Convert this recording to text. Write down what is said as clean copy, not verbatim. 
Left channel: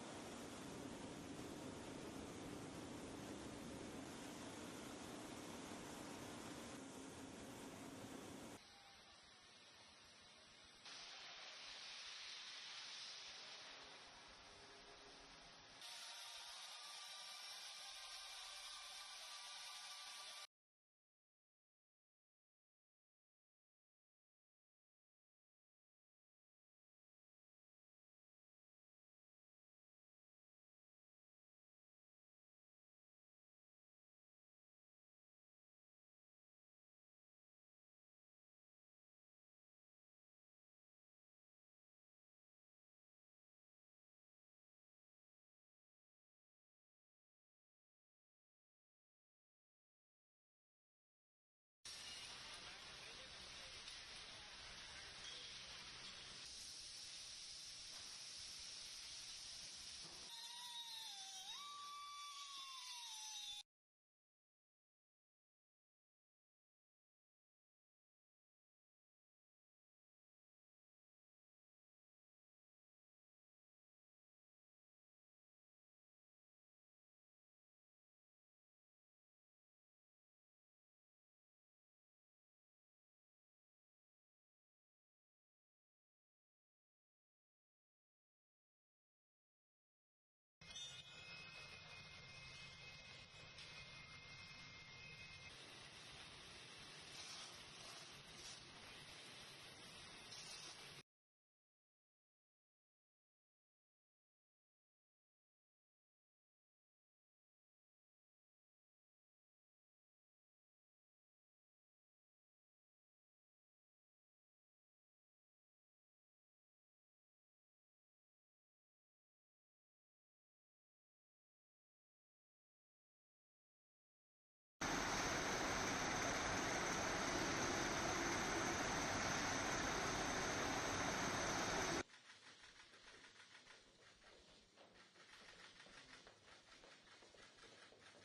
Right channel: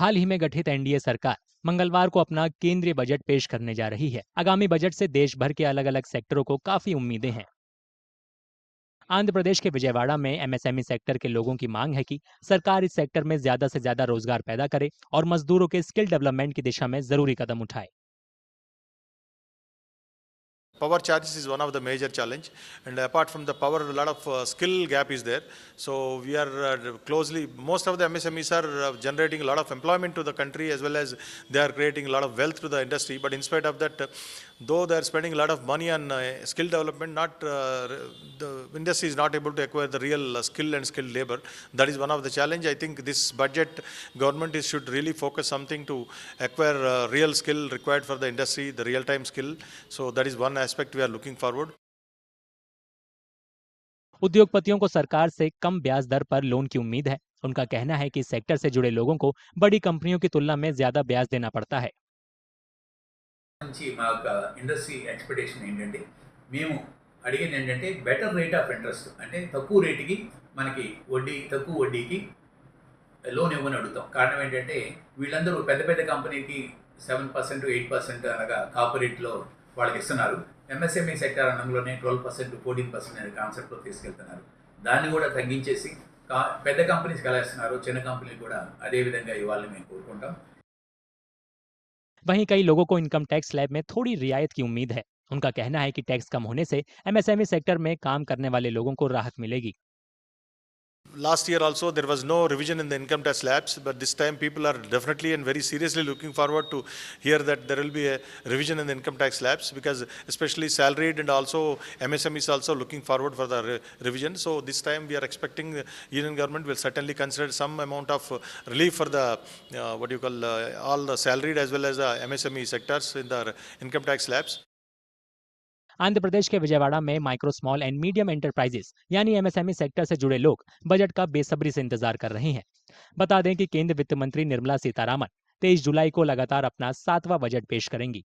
हाल ही में गठित एनडीए सरकार मंगलवार को अपना केंद्रीय बजट पेश करने जा रही है। आगामी बजट से देश भर के अलग अलग सेक्टरों को काफी उम्मीदें हैं। आंध्र प्रदेश के विजयवाड़ा में एमएसएमई सेक्टर के लोगों की मांग है कि सरकार इस सेक्टर में ज्यादा से ज्यादा रोजगार पैदा करे और मजदूरों के स्किल डेवलपमेंट की दिशा में जरूरी कदम उठाए। Power charges is one of the major challenge, and apart from the power, a lot of skill gap is there. So we are closely, most of the MSMEs are generating a lot of employment to the country, as well as they are creating a lot of wealth to the industry. But in spite of that, though they are spending a lot of money on skill development, not the industry is not able to acquire the real skill and skilled labor. That is one of the challenge. I think this budget government should really focus something to acquire real skill required for the industry, the real time skill. So that is one aspect we are looking forward. उद्योगपतियों को सरकार से कम ब्याज दर पर loan की उम्मीद है। उनका कहना है कि सेक्टर से जुड़े लोगों को बड़ी कंपनियों की तुलना में ज्यादा ब्याज देना पड़ता है। నుంచి మా యొక్క ఇండస్ట్రీ ఎక్స్పెక్టేషన్ ఏంటంటే మేము అడిగేది ఏంటంటే బెటర్ రేట్ ఆఫ్ ఇంట్రెస్ట్ అంటే తక్కువ రేటుకి మనకి తక్కువ వడ్డీకి లోన్ ఇవ్వని అడుగుతాం. కారణం ఏంటంటే వీళ్ళందరూ పెద్ద పెద్ద కంపెనీకి 7% 8% అనగా కార్పొరేట్లో వాళ్ళకి ఇస్తున్నారు. ఎంఎస్ఎంఈ సెక్టర్ అన్నంలోనే 12% 14% అనే కాన్సెప్ట్లో తీసుకెళ్తున్నారు. దాన్ని కూడా తగ్గించేసి పెద్ద కంపెనీస్కి ఎలా ఇస్తున్నారు చిన్న కంపెనీలు కూడా అదే విధంగా ఇవ్వాలని మేము కోరుకుంటాం. वहीं कई लोगों को इनकम टैक्स स्लैब में थोड़ी रियायत की उम्मीद है। उनका कहना है कि टैक्स कम होने से एमएसएमई सेक्टर में काम करने वाले लोगों को राहत मिलेगी। Last year also there was no revision in the income tax slabs, but this time people are definitely and very seriously looking forward to hear that there will be a revision in the income tax slabs, because especially salaried and also MSME is also looking forward for the revision. So this time we are expecting the union government will certainly consider some amount of relief for the all the salaried as well as the MSME sectors in the income tax slabs. Andhra Pradesh के विजयवाड़ा में micro small and medium enterprises यानी MSME sector से जुड़े लोग budget का बेसब्री से इंतजार कर रहे हैं। बता दें कि केंद्रीय वित्त मंत्री निर्मला सीतारामन 23 जुलाई को लगातार अपना 7वां बजट पेश करेंगी।